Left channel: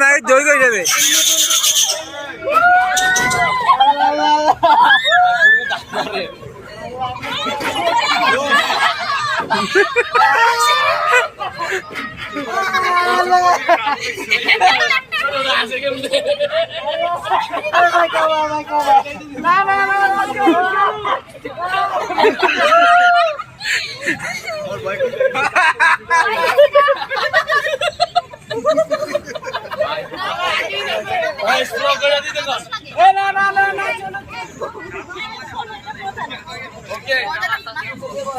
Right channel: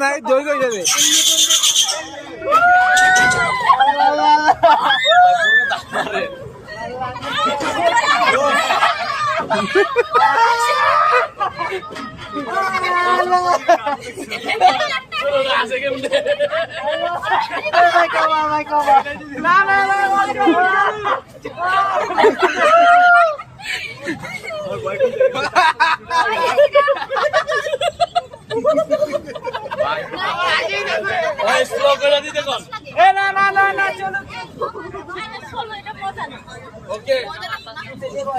নাই ধরে গো যাবে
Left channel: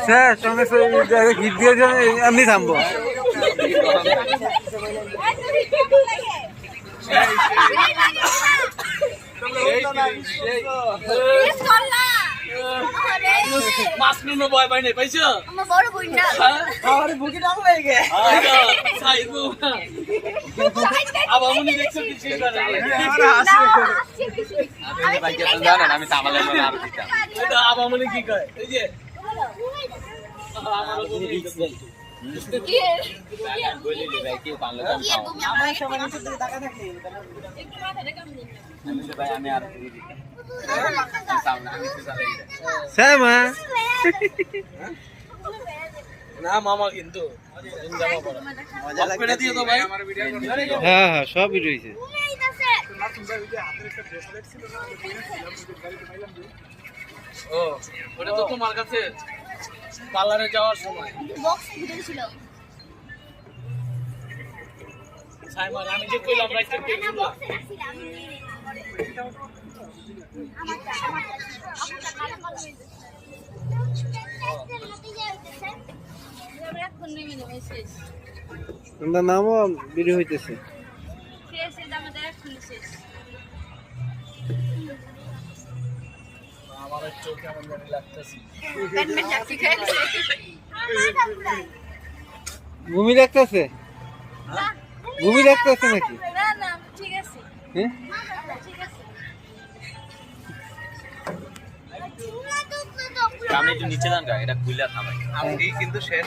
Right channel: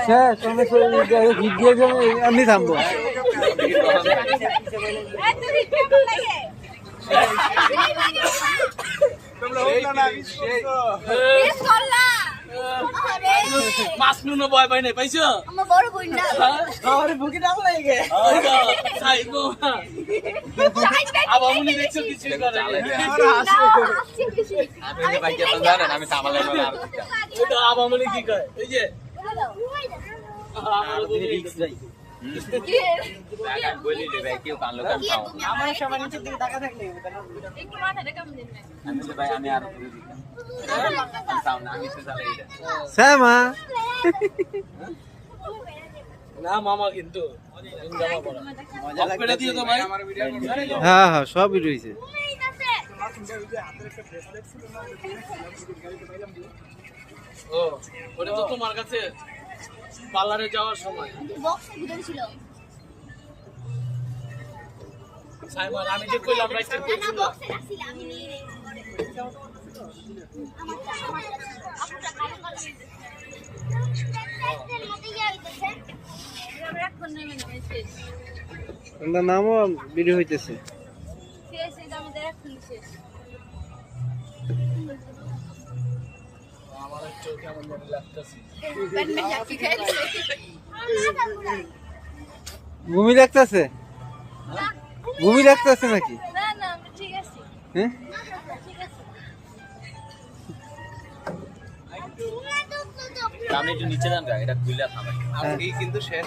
স্যার সঙ্গে হিট দিয়ে আমি থামবো মাছ নুনো ভয় পাই নাই পাইছো আমার বড় বই না আরে বুকি দাও হয়ে গে সাইবো আবামনি দেখছো কিছু করে আমি ভাইকে তো জানেন আমি তামালে আর দিতা এটা আবামনি কি কয় এই যে বলি রে ভাই কেউ কানলো কান খাও আমার সবার নিচে দিকে টাকা থাকলে একটু মাথাটা কেমন দিন আমি তো ভাই আমি আর বুঝি দিতাম আমি তো চালাই শ্যামা না মামা কিন্তু মজা লাগে দিয়ে তো ভাই হ্যাঁ হ্যাঁ সবই রয়েছে ও ওটা তো তোমার কাছে পার্লারে যাওয়ার সময় বক্সের ভিতরে ছিল সাইমন আমি যে কইলাম রাইট না বক্সে রাখছিলাম আমি তোমার নামও ভিডিও হইতেছে আমার একটু কেমন জানি লাগতেছে ভূমি দেখতেছে ভূমি দেখতেছে নাকি হ্যাঁ আমি একটু নিচে যান এটা খুলে থামাই কিন্তু শেষ